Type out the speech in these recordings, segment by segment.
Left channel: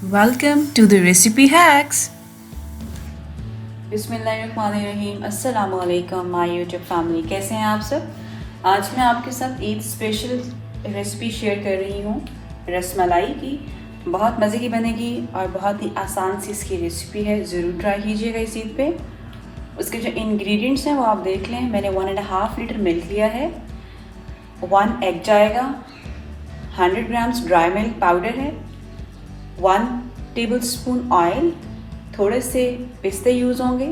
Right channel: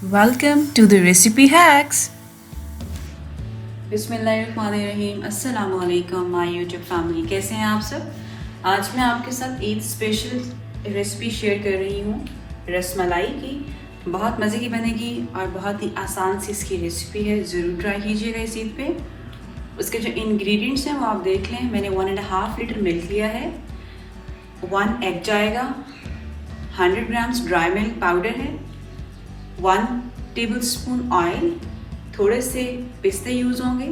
Welcome to the Recipe Hacks. बिस्मिल्लाहिर्रहमानिर्रहीम। अस्सलाम वालेकुम माय यूट्यूब फैमिली, कैसे हैं आप सब। आज मैं आपके साथ ईद स्पेशल रेसिपी शेयर कर रही हूँ रसमलाई की। बहुत मज़े की बनेगी और बहुत ही आसान सी इसकी रेसिपी है, ज़रूर ट्राई कीजिएगा इस ईद पे। उसके जो इंग्रेडिएंट्स हैं वो आप देख लें। मैंने 1.5 लीटर मिल्क लिया है, 1 एग जाएगा, 100 ग्राम्स ड्राई मिल्क पाउडर है, 1 टेबलस्पून ऑयल, थोड़े से पिस्ते यूज़ होंगे,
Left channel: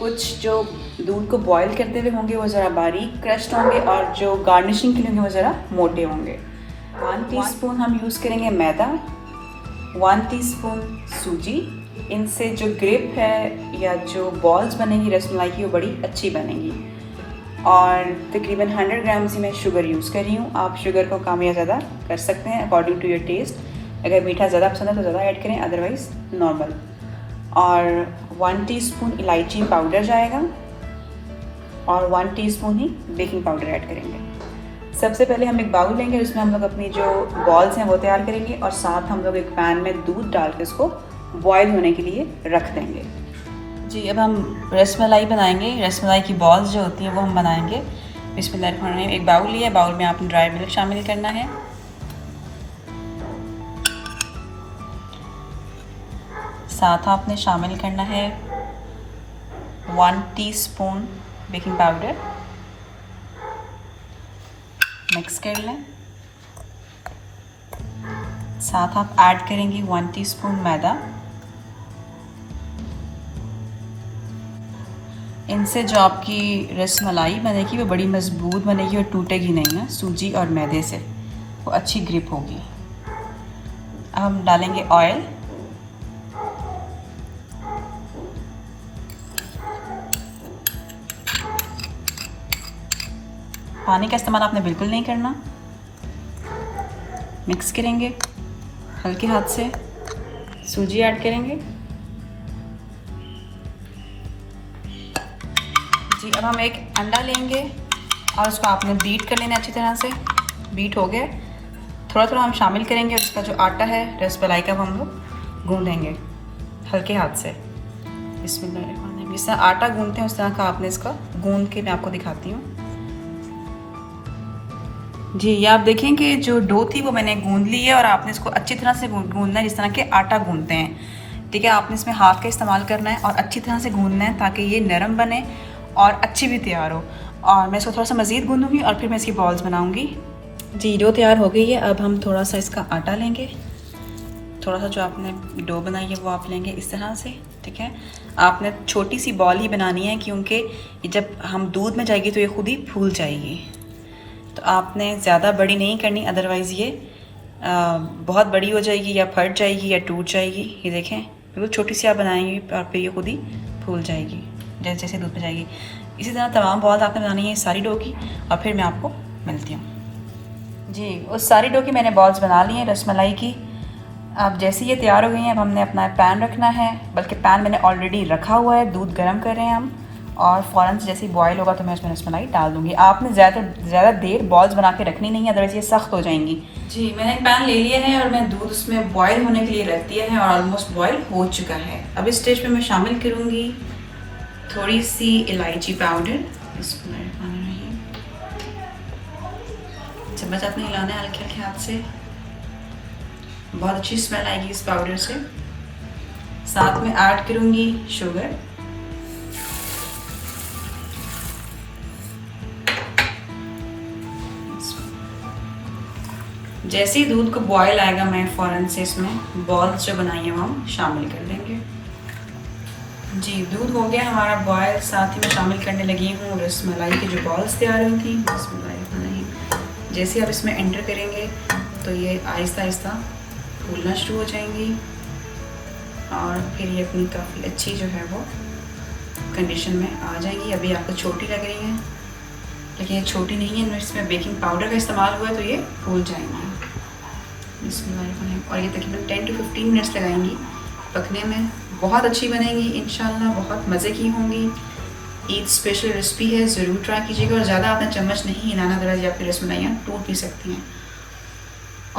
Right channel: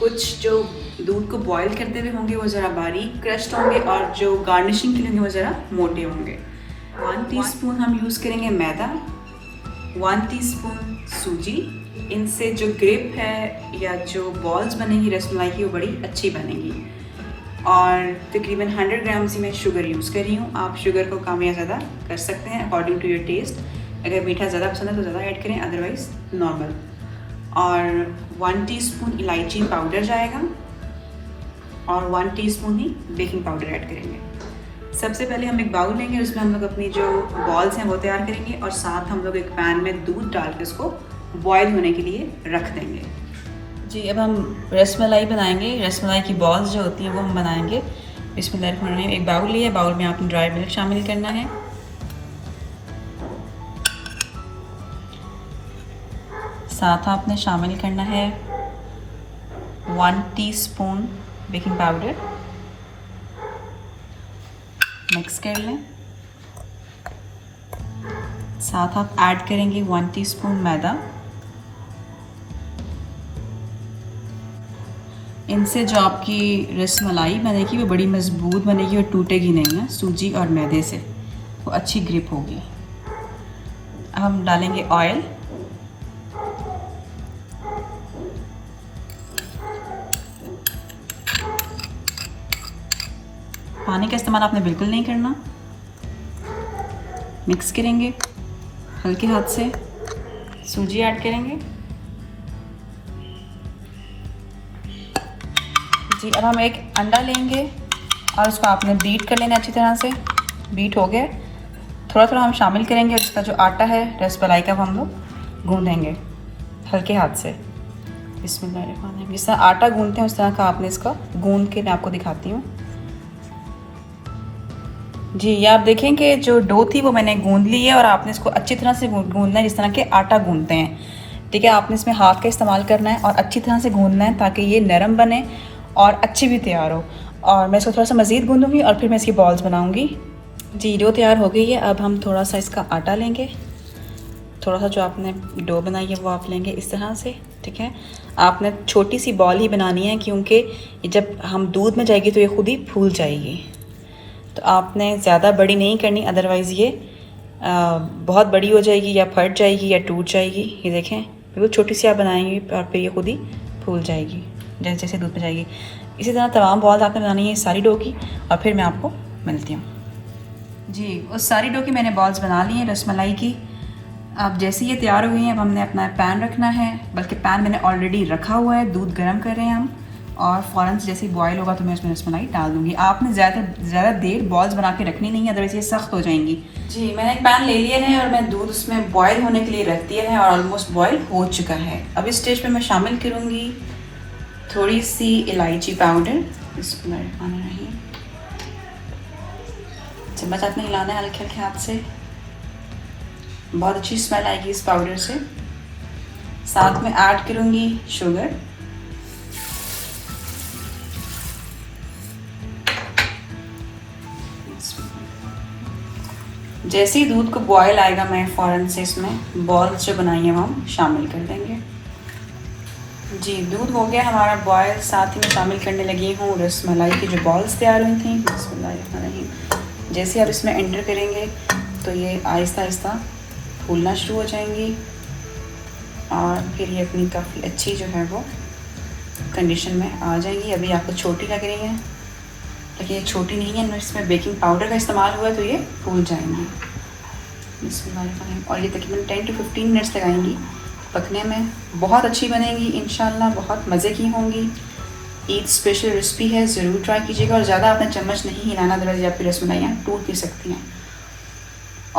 कुछ जो दूध को बॉईल करते हुए होंगे वो ज़रा बारीक क्रश्ड होंगे और जो गार्निशिंग के लिए होंगे वो ज़रा मोटे होंगे। 1 टीस्पून हम यूज़ करेंगे मैदा, 1 टीस्पून सूजी। इनसे जो ग्रिप है या जो बॉल्स बनेंगी रसमलाई की वो बड़ी अच्छी बनेंगी। और तकरीबन 100 ग्राम ही मैं शुगर यूज़ कर रही हूँ। आप शुगर को कम या ज़्यादा कर सकते हैं अकॉर्डिंग टू योर टेस्ट। अगर मीठा ज़्यादा पसंद है तो ज़्यादा ऐड करें, अदरवाइज़ नॉर्मल। और 1 टीस्पून इलायची पाउडर जाएगा और 1 टीस्पून ही बेकिंग पाउडर ऐड करेंगे। सबसे पहले हम एक बाउल लेंगे, उसमें हम लोग अपनी जो बॉल्स हैं वो तैयार करेंगे और साथ हम लोग एक पैन में दूध डाल के उसको बॉयल होने के लिए रख देंगे। जी, अब हम रसमलाई बनाएंगे। रसमलाई की बॉल्स जो होती हैं वो हम बनाएंगे। बिस्मिल्लाह। एक बाउल लिया, बाउल में आपने ड्राई मिल्क शामिल करना है, साथ आपने शामिल करना है 1 टीस्पून बेकिंग पाउडर। मिक्स कर लें। साथ आप ऐड करेंगे 1 टीस्पून मैदा। इनसे जो आपकी रसमलाई बनेगी वो बड़ी मज़बूत बनेगी और टूटेगी नहीं है। सूजी और मैदे से वो अच्छी ग्रिप होगी। अब हम डालेंगे ऑयल। पानी का इस्तेमाल आपने बिल्कुल नहीं करना। मिक्स करेंगे हल्के हाथ से। सूजी ऐड करेंगे। जी, अब हम एक अंडा लेंगे और उसको आपने बीट कर लेना अच्छी तरह से। बीट हो गया, थोड़ा थोड़ा हम शामिल करेंगे और इसका जो आटा है रसमलाई का वो हम लोग गूँधेंगे हल्के हाथ से। इसमें जिस तरह आटा गूँधते हैं उस तरह का आपने इसका गूँध के मैं आपको दिखाती हूँ। जी, ये आप देखें कि जो डो थी वो मैंने गूंद ली है और आपने इसको अच्छी तरह से गूंदना है जिस तरह के आटा गूंदते हैं। ठीक है, आपने इसमें हाथ का इस्तेमाल करना है और अच्छी तरह से गूंदना है ताकि ये नरम बने और अच्छी भी तैयार हो। और मैं इसको थोड़ा सा मज़ीद गूंदूँगी और फिर मैं इसकी बॉल्स बनाऊँगी। जी, डो तैयार हो गई है। अब हम थोड़ा सा इसका आटा लेंगे, थोड़ा सा जो आपने डो बनाई है वो आप लेंगे इस तरह से। ठीक है, आपने छोटी सी बॉल ही बनानी है क्योंकि जब हम दूध में जाएगी तो ये खुद ही फूल जाएगी। तो आपने ज़्यादा बड़ी नहीं करनी, अदरवाइज़ ये बहुत बड़ी हो जाएगी या फट जाएगी या टूट जाएगी। ये देखें, बिल्कुल छोटी सी आप बनाएंगी और फिर ये खुद ही फूल जाएगी जैसे जैसे दूध में जाएगी। इसी तरह तमाम बॉल्स आपने बनानी है सारी डो की और फिर मैं आपको मिलती हूँ। जी, उस सारी डो की मैंने बॉल्स बना ली हैं रसमलाई की। अब जैसे ये तैयार हो गई हैं अब हमने अपना पैन रखना है, बल्कि पैन मैंने ऑलरेडी रखा हुआ है, दूध गर्म कर रहे हैं हम। और फ़ौरन से जैसे ही बॉयल होगा तो मैं उसमें रसमलाई डाल दूँगी। आपने ज़्यादा देर बॉल्स बना के रखनी नहीं है, अदरवाइज़ ये सख्त हो जाएंगी। जी, मैंने एक पैन ले लिया है और मैं दूध उसमें बॉयल होने के लिए रख दिया है और ऑलमोस्ट बॉयल हो चुका है। अब इस स्टेज पे मैं शामिल करूँगी थोड़ी सी इलायची पाउडर। चम्मच हाथ में हिलाना है हल्के हल्के हाथ से, बहुत अच्छी स्मेल आएगी इस पाउडर से। साथ में ऐड करूँगी शुगर। जैसे ही दूध को बॉयल आएगा मैं फ़ौरन से इसमें बॉल्स जो बनाई हैं वो हम शामिल कर देंगे। जी, दूध हो गया हमारा बॉयल। साथ ही मैं शामिल करने लगी हूँ रसमलाई की जो बॉल्स तैयार हुई थी। जैसे ही आप इसमें एंटर करेंगे तो ये आहिस्ता आहिस्ता फूलना शुरू हो जाएंगी और फिर ये अपनी काफ़ी अच्छी जो है वो कंडीशन में आ जाएगी। अभी आपको छोटी लग रही है लेकिन ये छोटी नहीं है, इसमें बेकिंग पाउडर का इस्तेमाल हुआ है तो ये फूल जाएंगी। और ये तकरीबन 10 to 15 मिनट्स लगाएंगी पकने में। बहुत अच्छी बनेगी इंशाल्लाह, बहुत मज़े की होंगी। ईद स्पेशल रेसिपी है, ज़रूर ट्राई कीजिएगा। और ज़्यादा आपने चम्मच नहीं हिलाना, अदरवाइज़ आपकी रसमलाइयाँ टूट भी सकती हैं।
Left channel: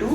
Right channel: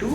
to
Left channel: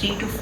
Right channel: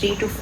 3 to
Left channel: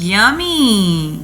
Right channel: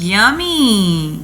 Yummy!